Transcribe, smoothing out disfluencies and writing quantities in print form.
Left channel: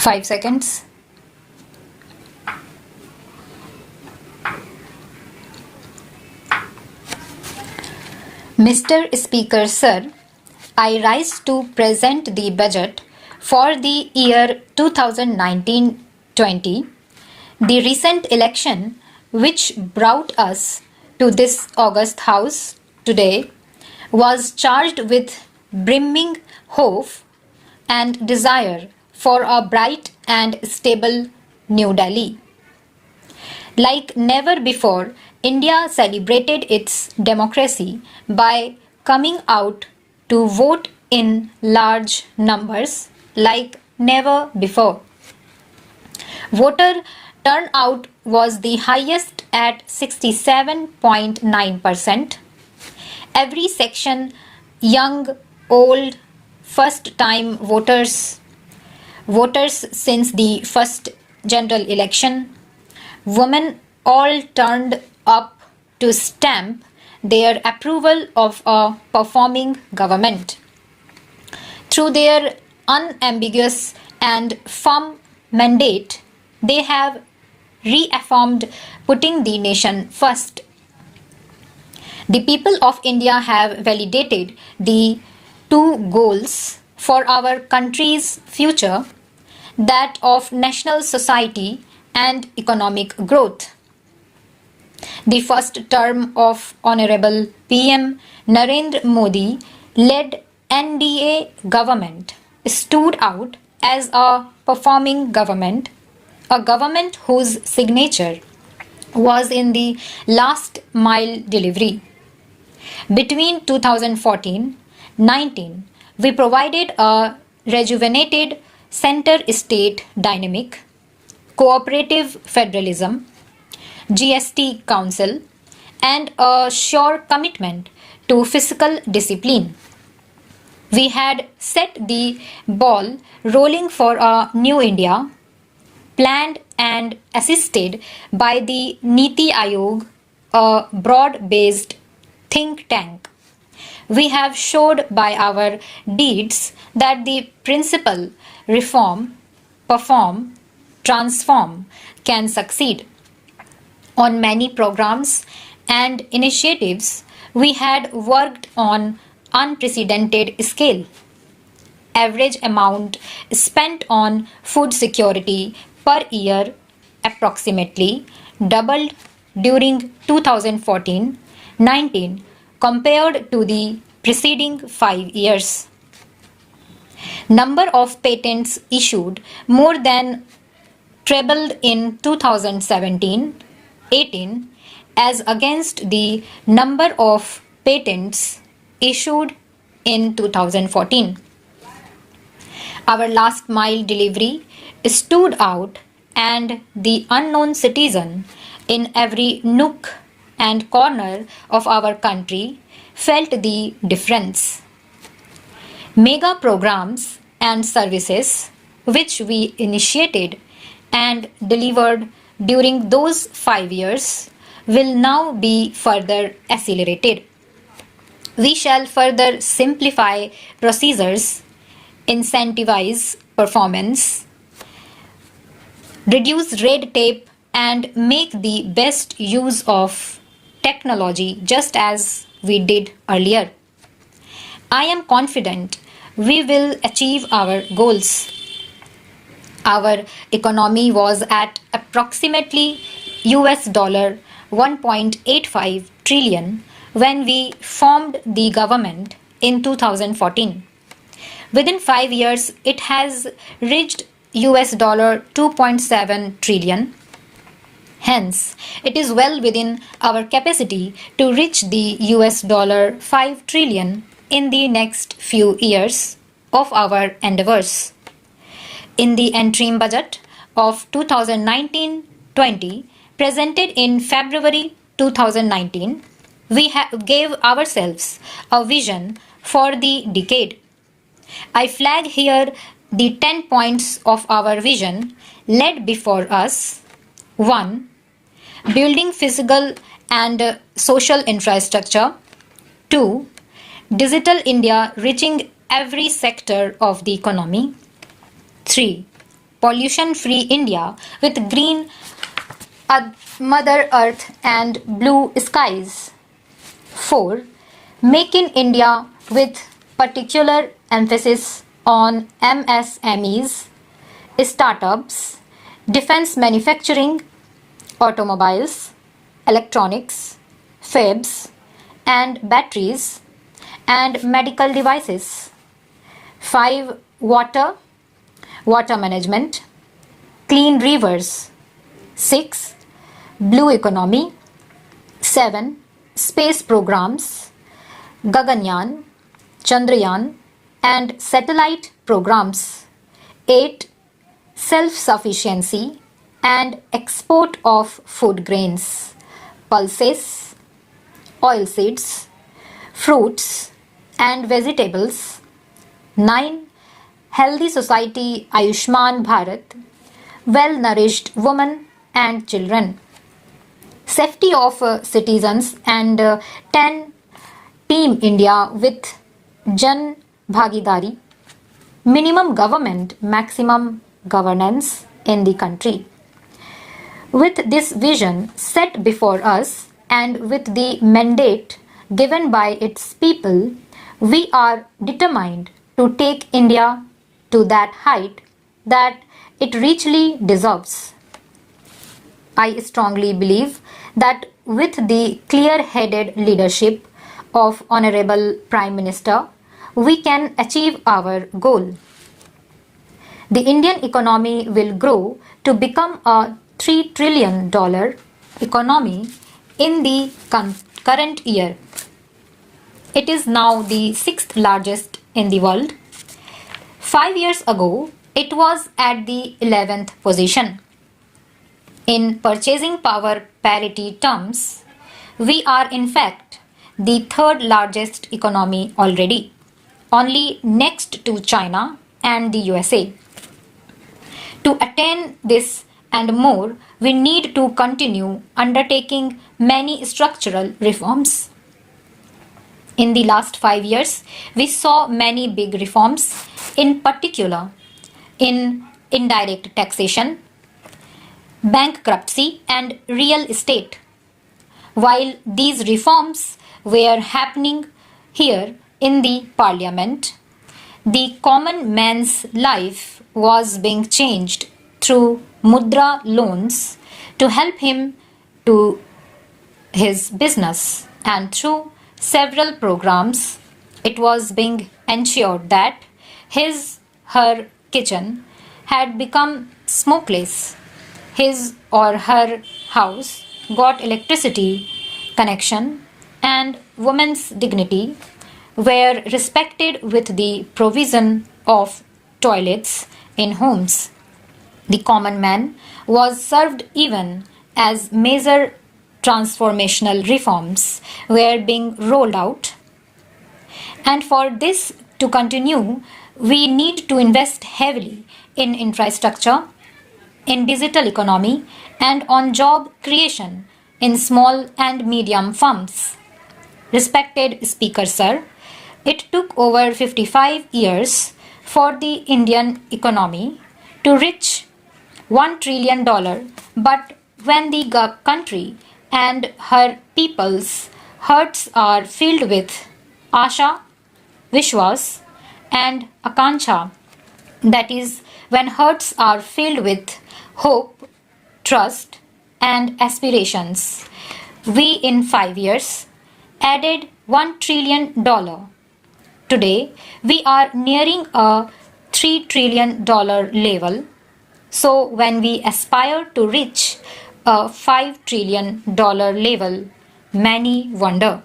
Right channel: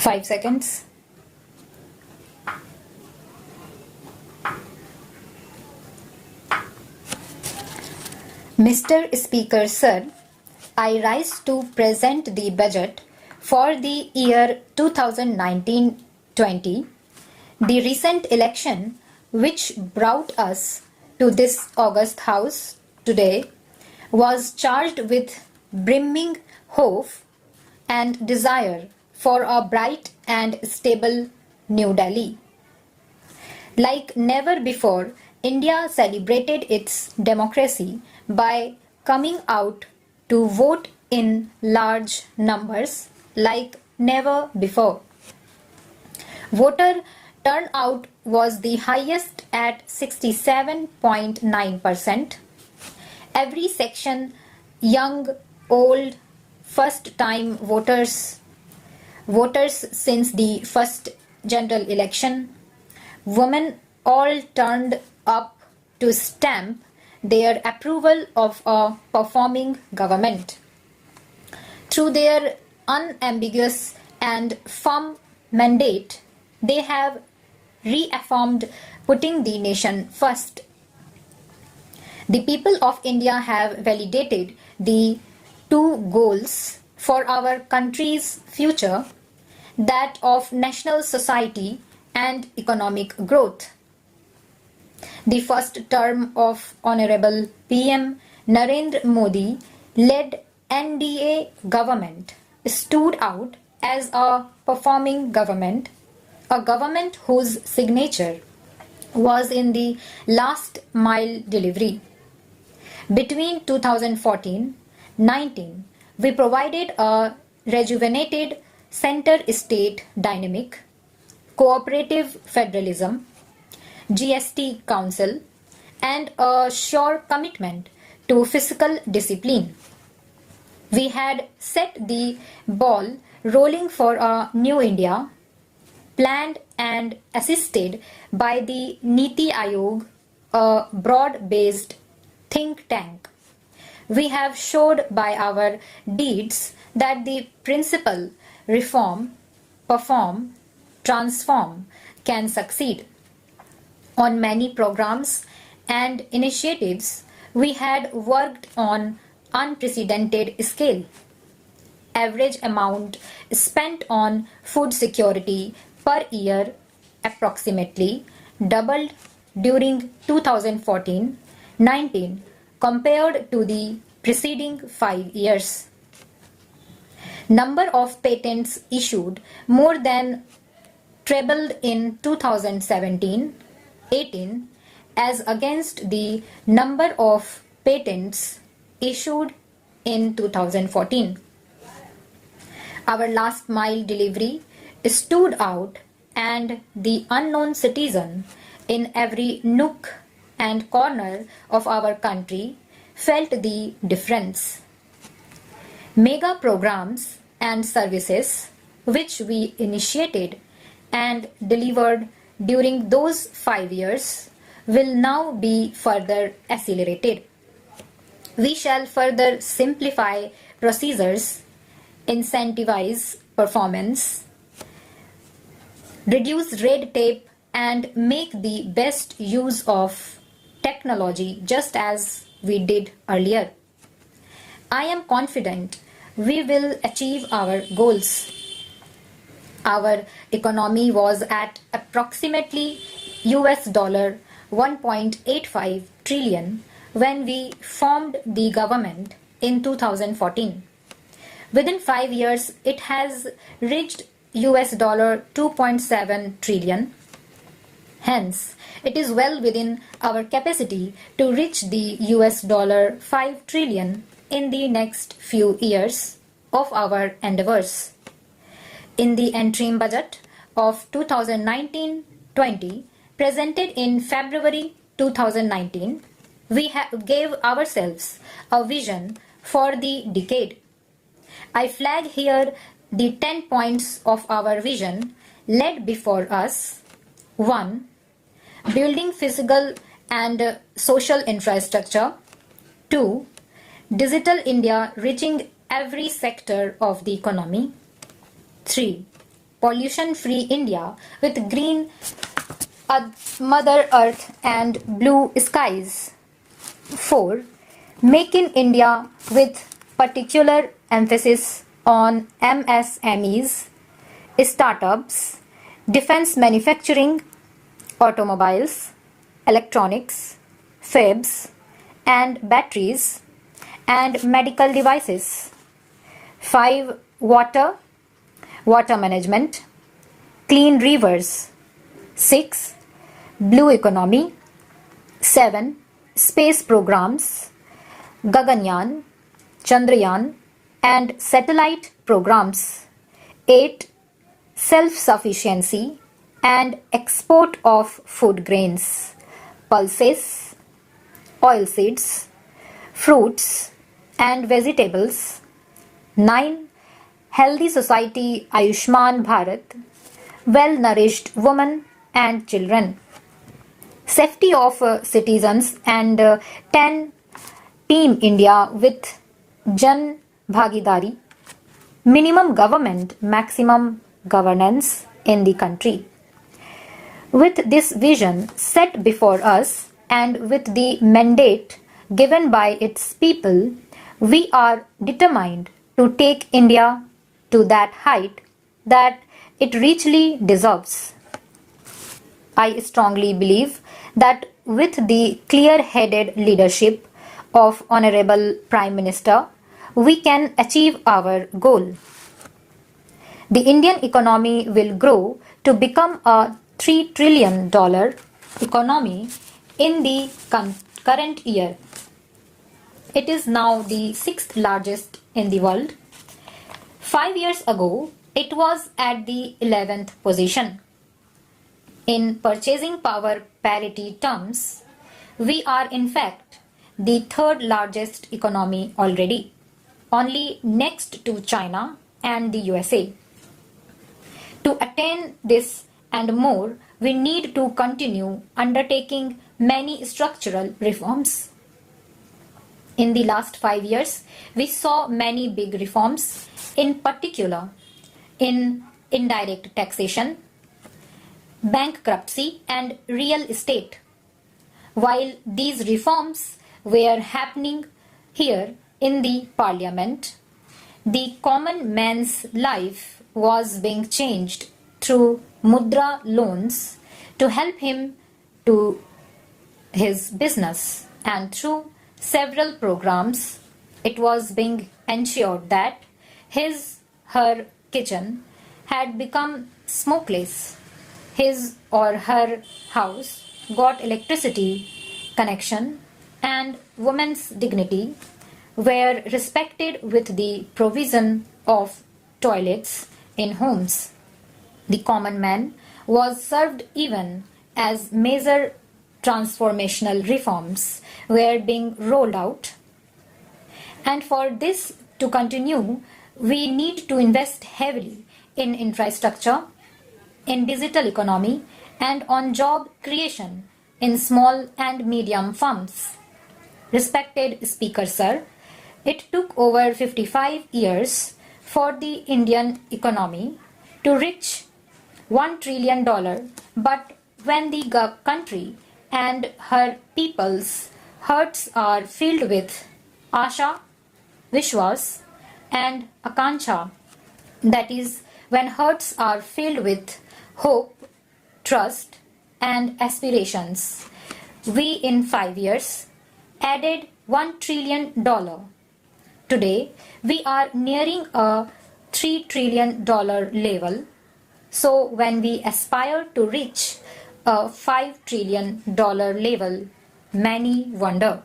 5 seconds. Mr. Speaker, Sir, I rise to present the budget for the year 2019-20. The recent election, which brought us to this august house today, was charged with brimming hope and desire for a bright and stable New Delhi. Like never before, India celebrated its democracy by coming out to vote in large numbers like never before. Voter turnout was the highest at 67.9%. Every section, young, old, first-time voters since the first general election, women all turned up to stamp their approval of a performing government. Through their unambiguous and firm mandate, they have reaffirmed putting the nation first. The people of India have validated the two goals for our country's future, that of national society and economic growth. The first term of Honorable PM Narendra Modi led NDA government stood out as a performing government, a government whose signature was in the last mile delivery. Between 2014-19, we provided a rejuvenated center-state dynamic, cooperative federalism, GST Council, and a sure commitment to fiscal discipline. We had set the ball rolling for a new India, planned and assisted by the Niti Aayog, a broad-based think tank. We have showed by our deeds that the principle reform, perform, transform can succeed. On many programs and initiatives, we had worked on unprecedented scale. Average amount spent on food security per year approximately doubled during 2014-19 compared to the preceding 5 years. Number of patents issued more than trebled in 2017-18 as against the number of patents issued in 2014. Our last mile delivery stood out, and the unknown citizen in every nook and corner of our country felt the difference. Mega programs and services which we initiated and delivered during those 5 years will now be further accelerated. We shall further simplify procedures, incentivize performance, reduce red tape, and make the best use of technology just as we did earlier. I am confident we will achieve our goals. Our economy was at approximately US dollar 1.85 trillion when we formed the government in 2014. Within 5 years, it has reached US dollar 2.7 trillion. Hence, it is well within our capacity to reach the US dollar 5 trillion in the next few years of our endeavors. In the interim budget of 2019-20 presented in February 2019, we gave ourselves a vision for the decade. I flag here the 10 points of our vision laid before us. 1. Building physical and social infrastructure. 2. Digital India reaching every sector of the economy. 3. pollution-free India with green Mother Earth and blue skies. 4. Make in India with particular emphasis on MSMEs, startups, defense manufacturing, automobiles, electronics, fabs, and batteries, and medical devices. 5. Water management, clean rivers. 6. Blue economy. 7. Space programs, Gaganyaan, Chandrayaan, and satellite programs. 8. Self-sufficiency and export of food grains, pulses, oilseeds, fruits, and vegetables. 9. Healthy society, Ayushman Bharat, well-nourished women and children. Safety of citizens, and 10. Team India with Jan Bhagidari, minimum government, maximum governance in the country. With this vision set before us and with the mandate given by its people, we are determined to take India to that height that it richly deserves. I strongly believe that with the clear-headed leadership of Honorable Prime Minister, we can achieve our goal. The Indian economy will grow to become a $3 trillion economy in the current year. It is now the 6th largest in the world. 5 years ago, it was at the 11th position. In purchasing power parity terms, we are in fact the 3rd largest economy already, only next to China and the USA. To attain this and more, we need to continue undertaking many structural reforms. In the last 5 years, we saw many big reforms, in particular in indirect taxation, bankruptcy, and real estate. While these reforms were happening here in the parliament, the common man's life was being changed through mudra loans to help him to his business, and through several programs it was being ensured that her kitchen had become smokeless. His or her house got electricity connection, and women's dignity were respected with the provision of toilets in homes. The common man was served even as major transformational reforms were being rolled out. And for this to continue, we need to invest heavily in infrastructure, in digital economy, and on job creation in small and medium firms. Respected Speaker Sir, it took over 55 years for the Indian economy to reach $1 trillion, but when the country and her people's hearts are filled with Asha, Vishwas, and Akanksha, that is, when hearts are filled with hope, trust, and aspirations, we in 5 years added $1 trillion. Today, we are nearing a $3 trillion level. So when we aspire to reach a $5 trillion level, many wonder